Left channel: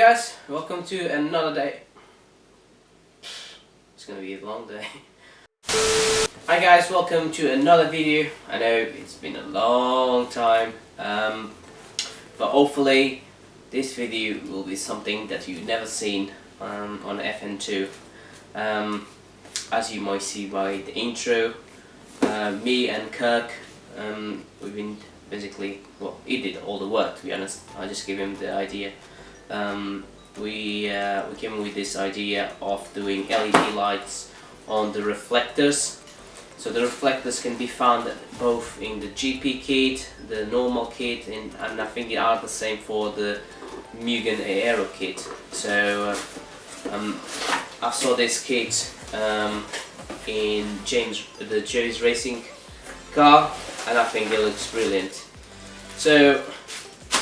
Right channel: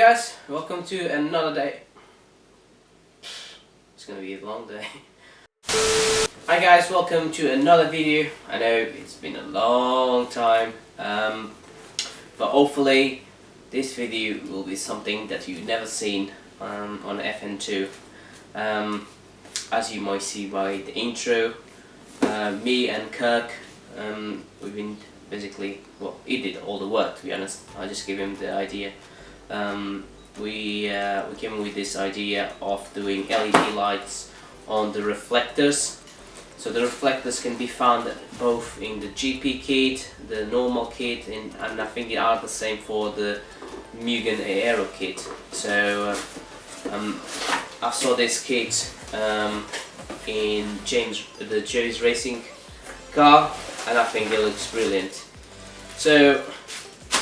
Hi guys, welcome to another day. It's gonna be a long day. Hi guys, welcome to another video. I know it's been a long time, but hopefully this video will be something that you've never seen on FN2. As you might see by the intro, me and Kirk, we've been basically, well, he did all the work, to be honest. I just gave him the idea. We came up with this idea of doing LED lights on the reflectors. So the reflectors can be found both in the GP kit, the normal kit, and I think they are the same for the Mugen Aero kit. So I saw this kit in the James Racing car, and I think it looks brilliant. So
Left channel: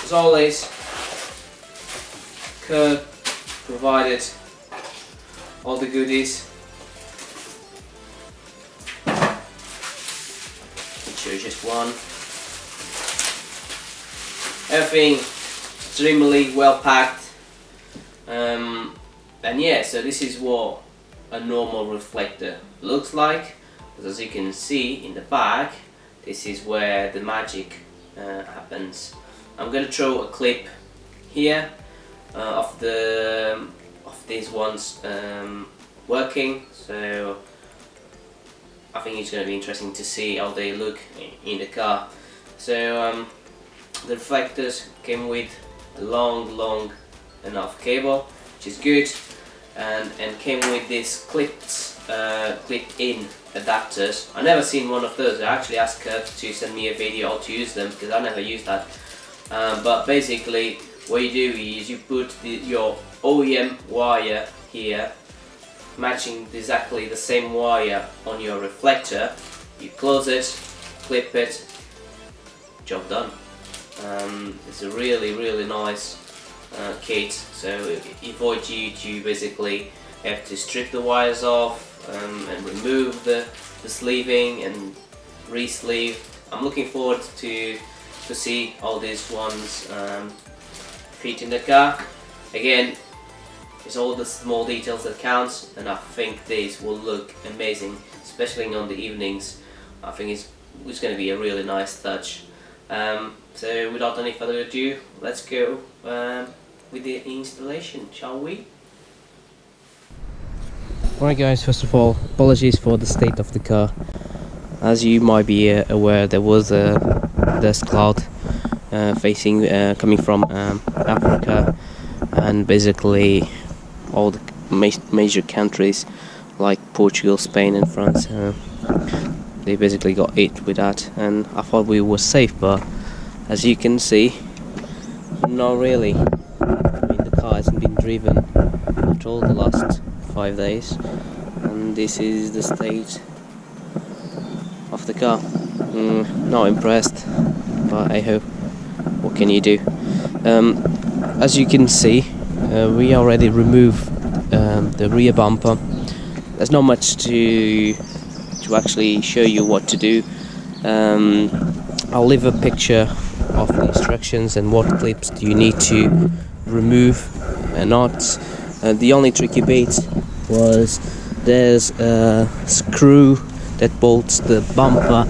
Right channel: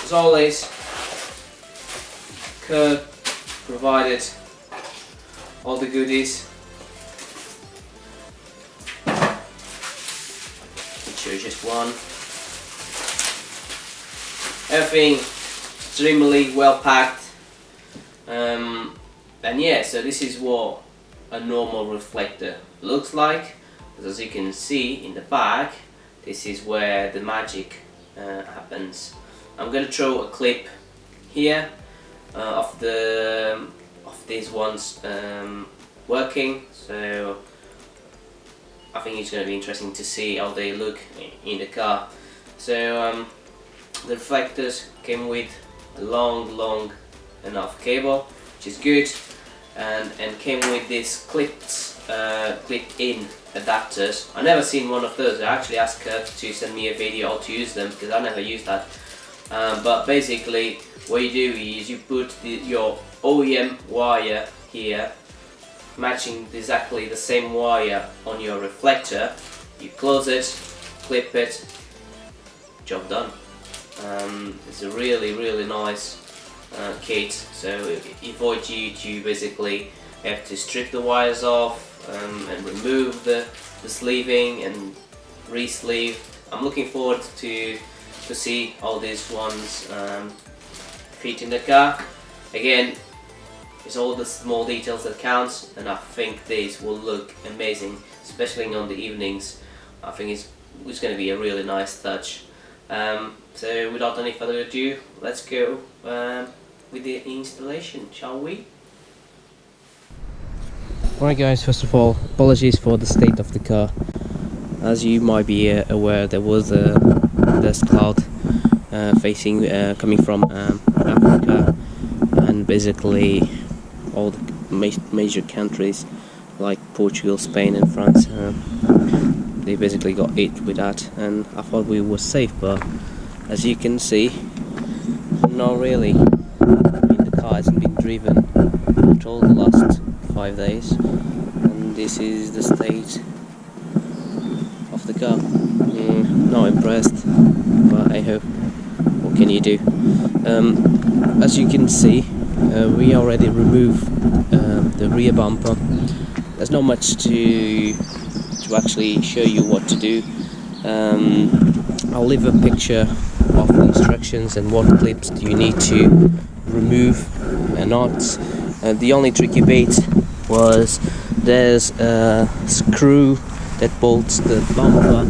as always, Kirk provided all the goodies. I'll show you just one. Everything extremely well packed. And yeah, so this is what a normal reflector looks like. As you can see in the back, this is where the magic happens. I'm gonna throw a clip here of these ones working, so I think it's going to be interesting to see how they look in the car. So the reflectors came with a long enough cable, which is good, and came with these clip-in adapters. I never seen one of those. I actually asked Kirk to send me a video how to use them because I never used that. But basically, what you do is you put your OEM wire here, matching exactly the same wire on your reflector. You close it, clip it, job done. It's a really nice kit. So it avoids you to basically have to strip the wires off and remove the sleeving and re-sleeve. I'm looking forward to see all these ones fit in the car. Again, it's all the small details that counts, and I think this will look amazing, especially on the evenings. I think it's going to be a really nice touch. So without any further ado, let's go with the installation, shall we? Alright guys, first of all, apologies for the state of the car. As you might be aware, there was a dust cloud coming from Africa, and basically all the major countries like Portugal, Spain and France, they basically got hit with that, and I thought we were safe, but as you can see, not really. I mean, the car hasn't been driven at all the last 5 days, and this is the state of the car. Not impressed, but I hope. What can you do? As you can see, we already removed the rear bumper. There's not much to actually show you what to do. I'll leave a picture of the instructions and what clips do you need to remove and not. The only tricky bit was there's a screw that bolts the bumper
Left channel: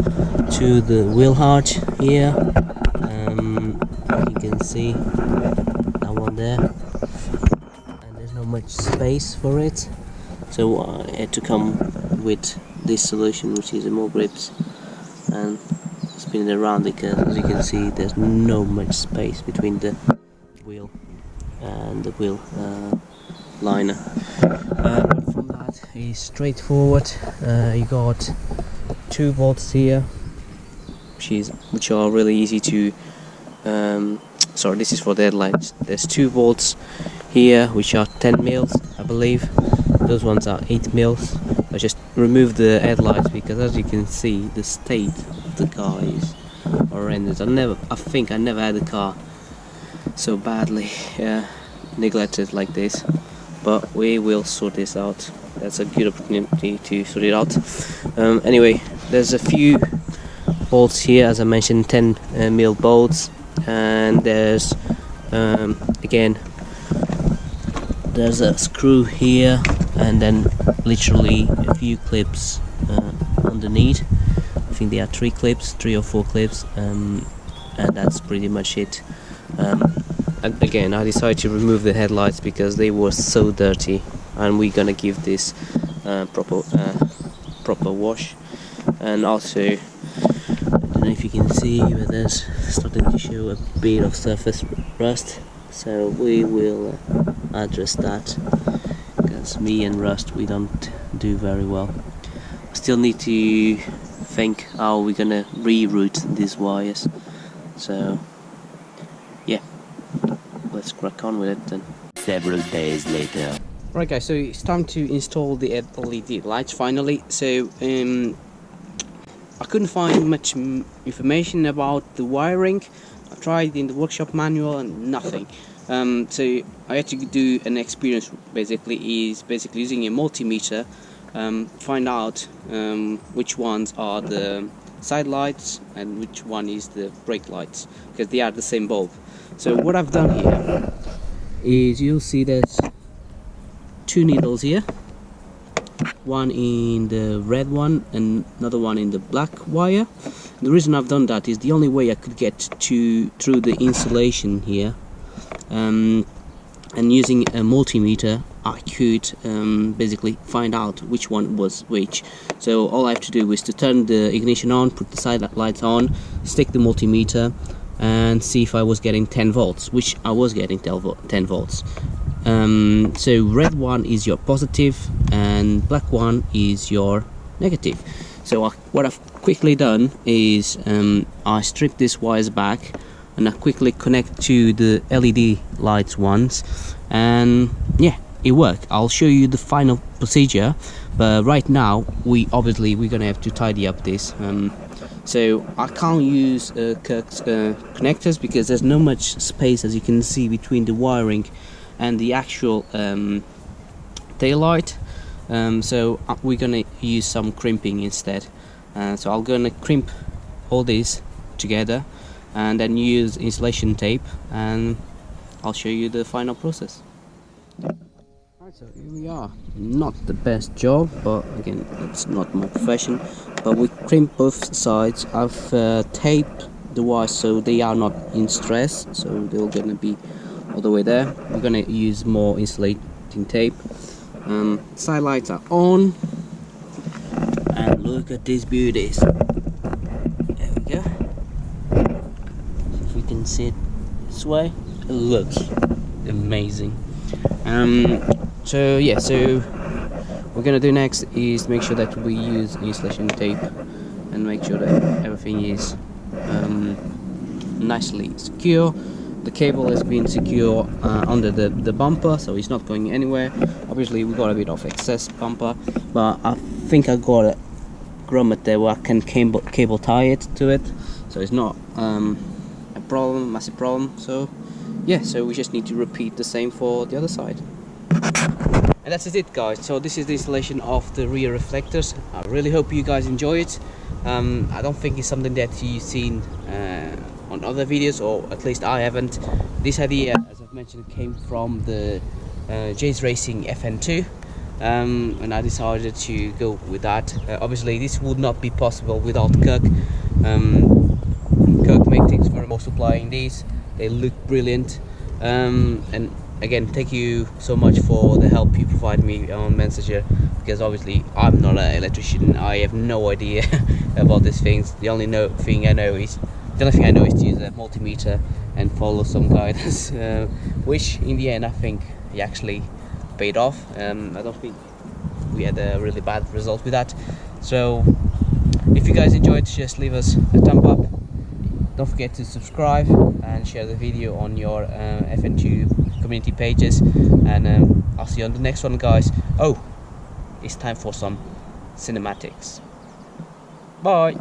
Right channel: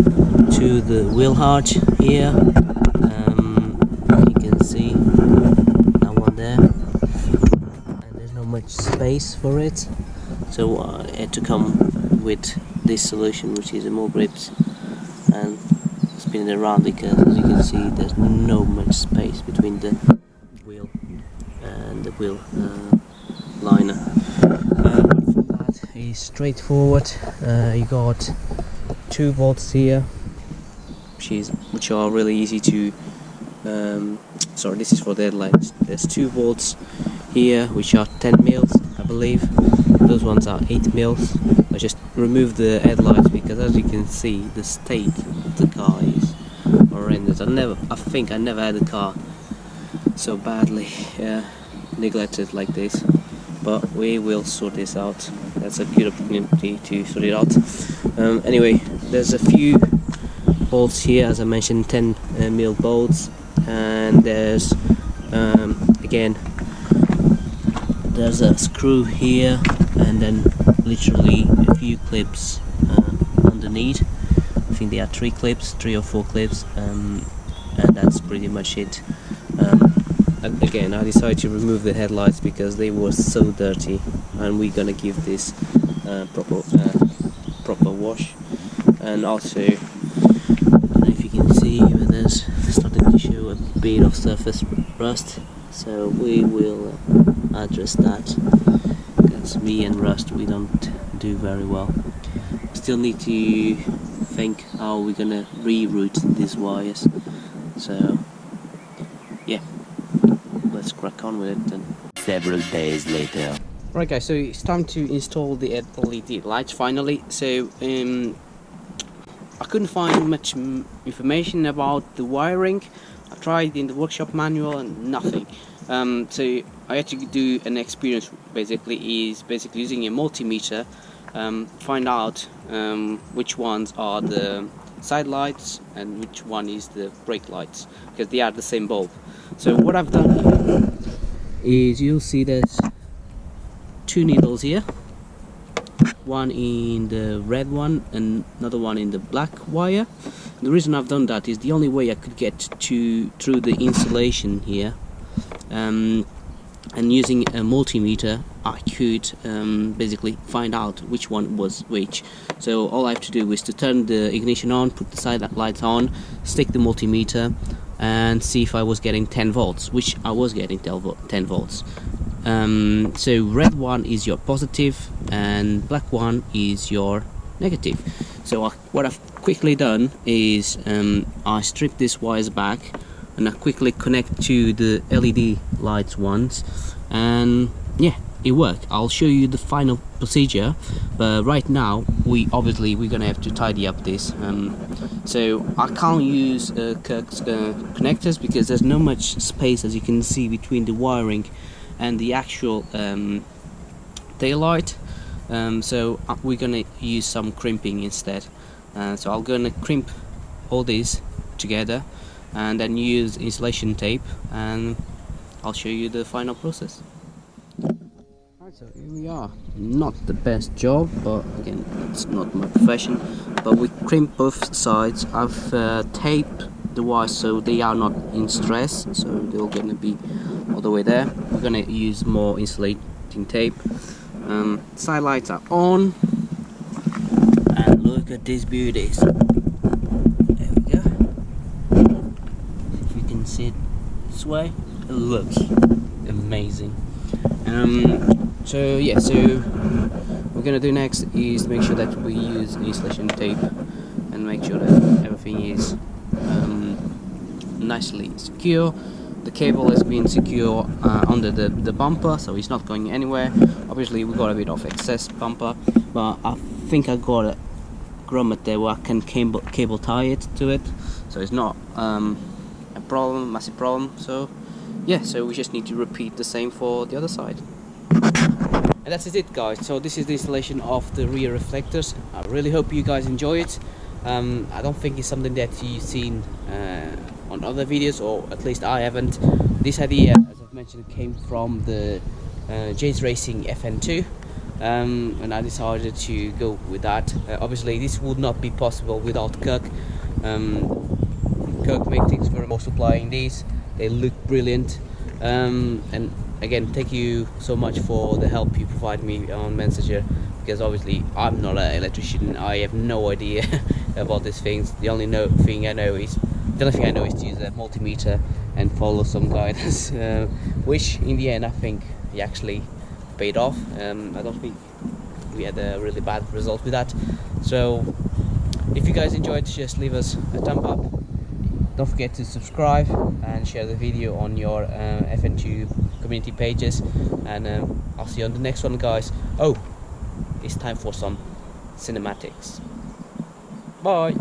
to the wheel arch here. You can see that one there, and there's not much space for it, so I had to come with this solution, which is a more grips and spin it around, because as you can see there's no much space between the wheel and the wheel liner. Apart from that, it's straightforward. You got 2 bolts here, which are really easy to sorry, this is for the headlights. There's 2 bolts here which are 10 mils, I believe. Those ones are 8 mils. I just removed the headlights because, as you can see, the state of the car is horrendous. I think I never had a car so badly neglected like this, but we will sort this out. That's a good opportunity to sort it out. Anyway, there's a few bolts here, as I mentioned, 10 mil bolts, and there's again there's a screw here, and then literally a few clips underneath. I think there are 3 or 4 clips, and that's pretty much it. And again, I decided to remove the headlights because they were so dirty, and we're gonna give this proper wash. And also, I don't know if you can see, but there's starting to show a bit of surface rust, so we will address that, because me and rust, we don't do very well. Still need to think how we're gonna reroute these wires, so yeah, let's crack on with it then. Several days later. Right guys, so it's time to install the LED lights finally. So I couldn't find much information about the wiring. I tried in the workshop manual and nothing. So I had to do an experience, basically using a multimeter, find out which ones are the side lights and which one is the brake lights, because they are the same bulb. So what I've done here is, you'll see there's 2 needles here, one in the red one and another one in the black wire. The reason I've done that is the only way I could get through the insulation here, and using a multimeter I could basically find out which one was which. So all I have to do is to turn the ignition on, put the side lights on, stick the multimeter and see if I was getting 10 volts, which I was getting 10 volts. So red one is your positive and black one is your negative. So what I've quickly done is I stripped these wires back and I quickly connect to the LED lights ones, and yeah, it worked. I'll show you the final procedure, but right now we're gonna have to tidy up this. So I can't use Kirk's connectors because there's no much space, as you can see, between the wiring and the actual tail light. So we're gonna use some crimping instead. So I'm gonna crimp all these together and then use insulation tape, and I'll show you the final process. Alright, so here we are. Not the best job, but again, that's not my profession. But we crimp both sides. I've taped the wires so they are not in stress, so they're gonna be all the way there. We're gonna use more insulating tape. Side lights are on, and look at these beauties. There we go. If you can see it this way, it looks amazing. So yeah, so what we're gonna do next is make sure that we use insulation tape and make sure that everything is nicely secure. The cable has been secure under the bumper, so it's not going anywhere. Obviously we got a bit of excess bumper, but I think I got a grommet there where I can cable tie it to it, so it's not a massive problem. So yeah, so we just need to repeat the same for the other side. And that's it guys, so this is the installation of the rear reflectors. I really hope you guys enjoy it. I don't think it's something that you've seen on other videos, or at least I haven't. This idea, as I've mentioned, came from the J's Racing FN2, and I decided to go with that. Obviously this would not be possible without Kirk. Kirk made things very well supplying these. They look brilliant, and again, thank you so much for the help you provide me on Messenger, because obviously I'm not an electrician. I have no idea about these things. The only thing I know is to use a multimeter and follow some guidance, which in the end I think he actually paid off. I don't think we had a really bad result with that. So if you guys enjoyed, just leave us a thumb up. Don't forget to subscribe and share the video on your FN2 community pages, and I'll see you on the next one guys. Oh, it's time for some cinematics. Bye.